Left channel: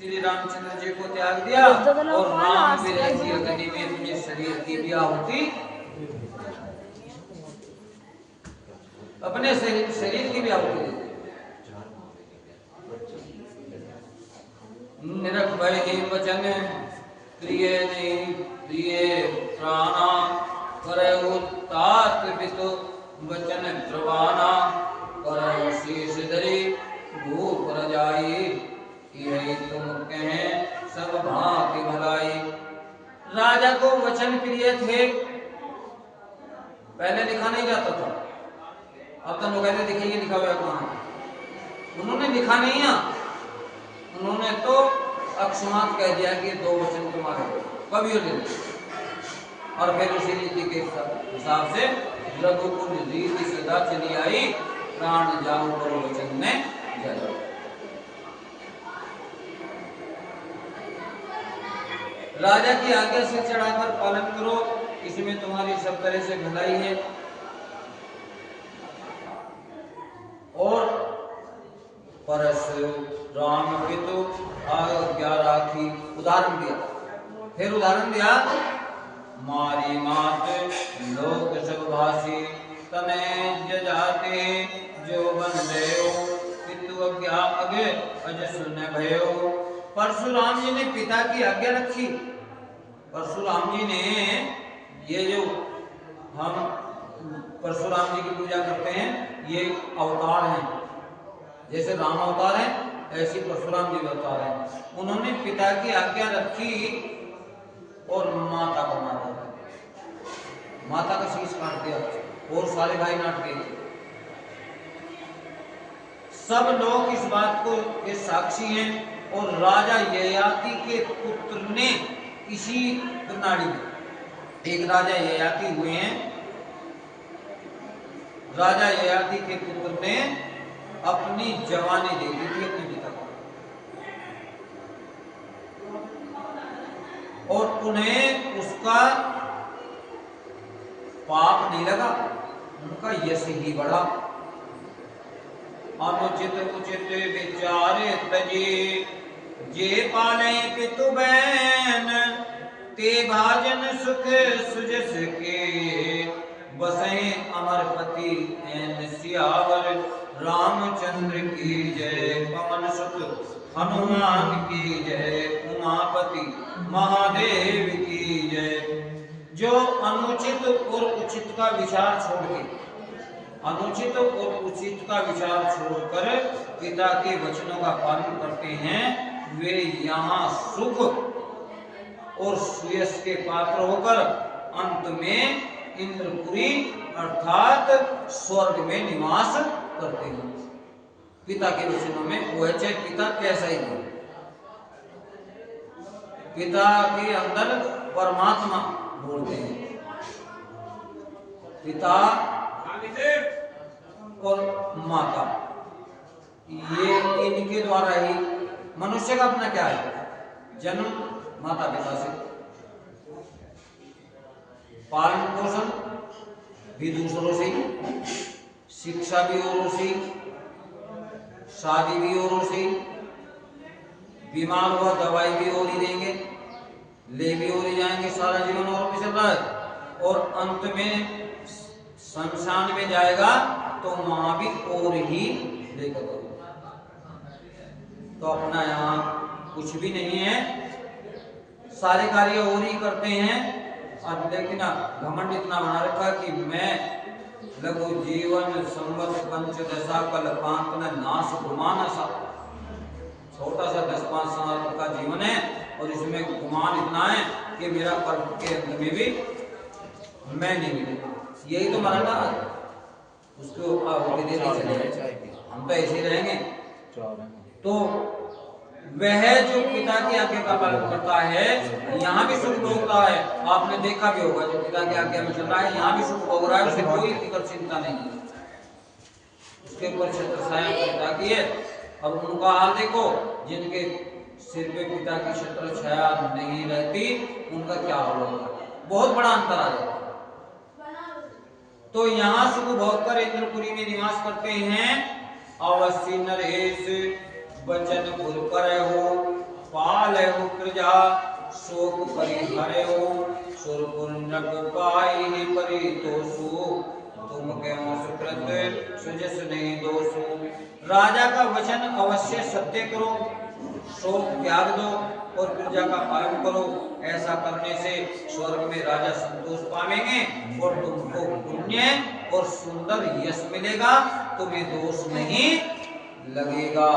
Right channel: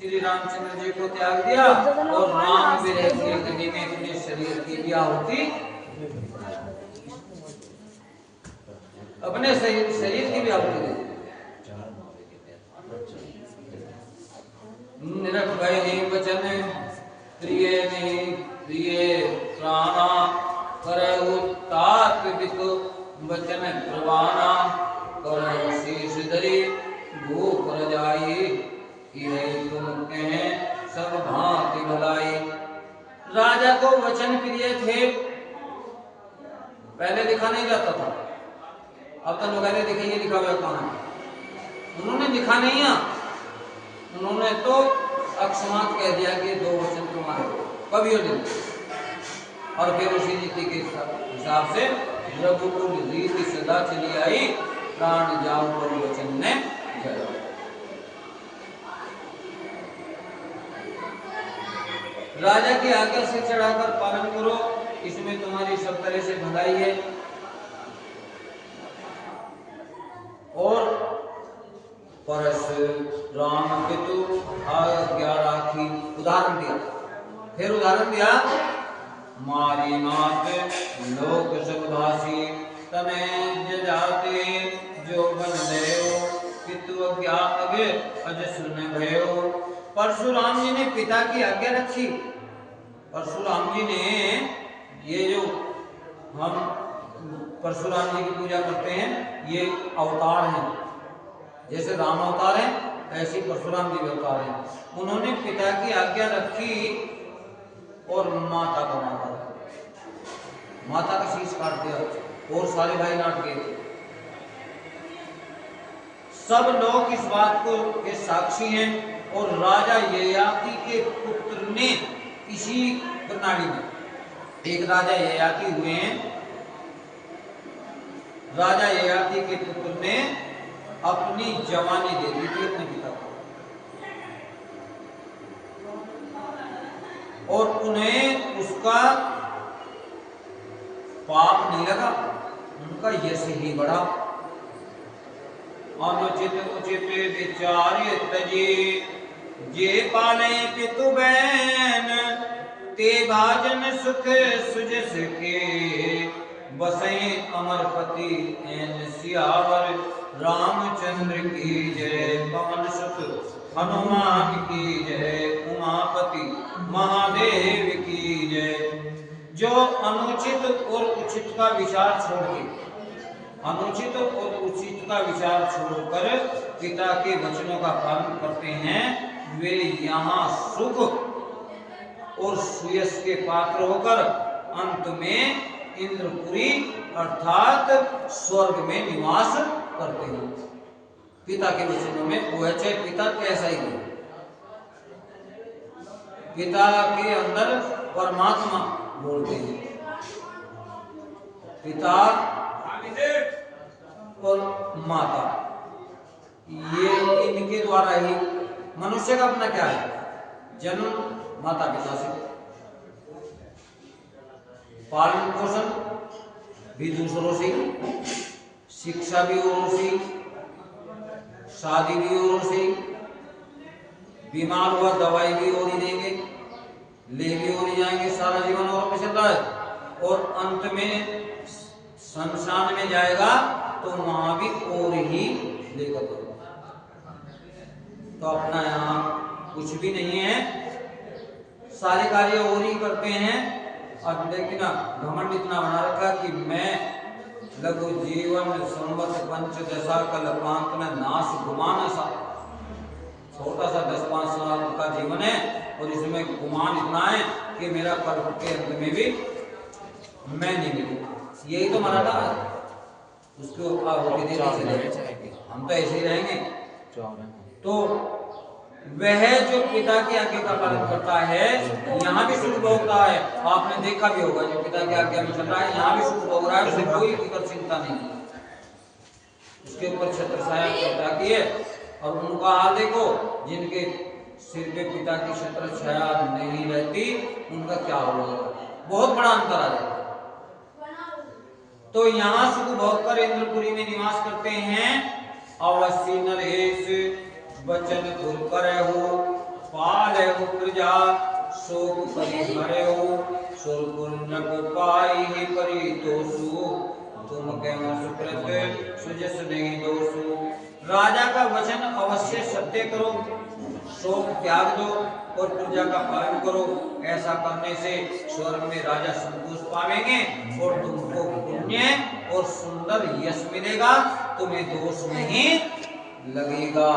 श्री रामचंद्र जी को त्याग दिया और राम विरह की अग्नि में अपने शरीर की भी आहुति, अपने शरीर की भी आहुति दी। निरख भय नहीं वचन प्रिय नहीं प्रिय प्राणा करहु तात पितु वचन प्रवाना करहु शीश धरी भूप रजाई यही तुम कहें सब भांति भलाई। राजा को वचन प्रिय थे, पहले लिखा नहीं जाता था, अब तो लोग कहते देखे ये लिखा हुआ कहाँ है। उन्होंने लिखा नहीं है, उन्होंने तो अकस्मात कह दिया कि 2 वचन तुम्हारे कभी हो नहीं। और फिर उसी रीति के हिसाब से रघुकुल रीति सदा चली आई, प्राण जाऊं पर वचन ने जला। राजा की आज्ञा से चढ़ाकर पालन करो, इसमें तुम्हारी सब तरह से भलाई है। और परस राम पितु आज्ञा राखी, उदाहरण दिया, फिर उदाहरण दिया, मारी मात लोक सब भाषी तने जाते जो बन भयो पितु आज्ञा अगे अज सुन भयो। परशुराम जी ने पिता की आज्ञा रखी। परशुराम जी ने, ये जो हम परशुराम जी की पूजा करते हैं, ये अवतार हैं, जैसे राम अवतार है ऐसे परशुराम जी अवतार हैं। उन्होंने पिता की आज्ञा रखी और माता का मारा, माता का शीश काट दिया और सारे भाई काट गए। सब लोग इस बात को के साक्षी हैं। और राजा ययाति के पुत्र ने इसी प्रणाली में, एक राजा ययाति हुए हैं, राजा ययाति के पुत्र ने अपनी जवानी दे दी थी अपने पिता को, और उन्हें उसका पाप नहीं लगा, उनका यश ही बढ़ा। अनुचित उचित विचारे तजी जे पाले पितु बैन ते भाजन सुख सुजस के बसे अमरपति एन सियावर रामचंद्र की जय। पवन सुत हनुमान की जय, उमापति महादेव की जय। जो अनुचित और उचित का विचार छोड़ के, अनुचित और उचित का विचार छोड़कर पिता के वचनों का पालन करते हैं, वे यहाँ सुख और सुयश के पात्र होकर अंत में इंद्रपुरी अर्थात स्वर्ग में निवास करते हैं। पिता के वचनों में वो है, चाहे पिता कैसा ही हो, पिता के अंदर परमात्मा बोलते हैं। पिता और माता, ये इनके द्वारा ही मनुष्य का अपना क्या है, जन्म माता पिता से, पालन पोषण भी दूसरों से, शिक्षा भी औरों से, शादी भी औरों से, बीमार हुआ दवाई भी और ही देंगे, ले भी और ही जाएंगे, सारा जीवन और में चल रहा है। और अंत में शमशान में जाएगा तो वहां भी और ही लेकर करो। तो अपना यहाँ कुछ भी नहीं है, सारे कार्य और ही करते हैं। और लेकिन घमंड इतना बना रखा कि मैं लघु जीवन संवत पंचदशा कल्पांत में नाश गुमान सा, छोटा सा 10-5 साल का जीवन है और इसमें गुमान इतना है कि मेरा कर्म के अंत में भी मैं नहीं मिलूंगा। यही तो मराठा है, उसको होते देते चले, हम तो ऐसे ही रहेंगे। तो वह जो पिता की आज्ञा का पालन करता है, यहाँ भी सुख भोगता है। आपने देखा भी होगा, जो पिता की आज्ञा में चल रहा है यहाँ भी सुख भोग रहा है, उसे कोई फिक्र चिंता नहीं है। उसके ऊपर छत्र छाया पिता की है। और उनका हाल देखो, जिनके सिर पे पिता की छत्र छाया नहीं रहती, उनका क्या हाल होगा, बहुत बड़ा अंतर आ जाता है। तो यहाँ सुख भोग कर इंद्रपुरी में निवास करते हैं। अवश्य नरेश वचन गुर करे हो पावहु प्रजा शोक परिहरऊ सुरपुण्य पाई ही परितोषु तुम क्यों सुकृत सुजस नहीं दोषु। राजा का वचन अवश्य सत्य करो, शोक त्याग दो और प्रजा का पालन करो। ऐसा करने से स्वर्ग में राजा संतोष पावेंगे और तुमको पुण्य और सुंदर यश मिलेगा, तुम्हें दोष नहीं लगेगा।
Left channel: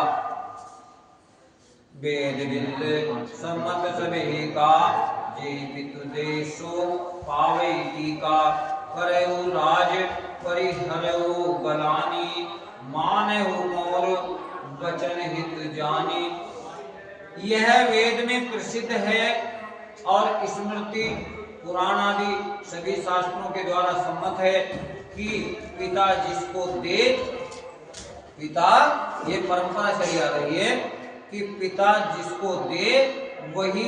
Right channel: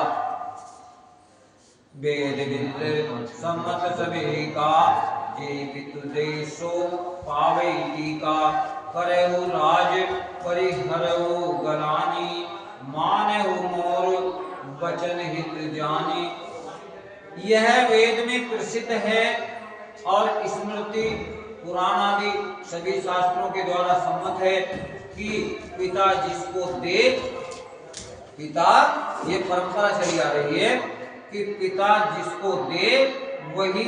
वेद विद सम्मत सभी का जे पितु देशो पावे टीका करहु राज परिहरहु गलानी मानहु मोर वचन हित जानी। यह वेद में प्रसिद्ध है और स्मृति पुराण आदि सभी शास्त्रों के द्वारा सम्मत है कि पिता जिसको दे, पिता ये परंपरा चली आ रही है कि पिता जिसको दे वही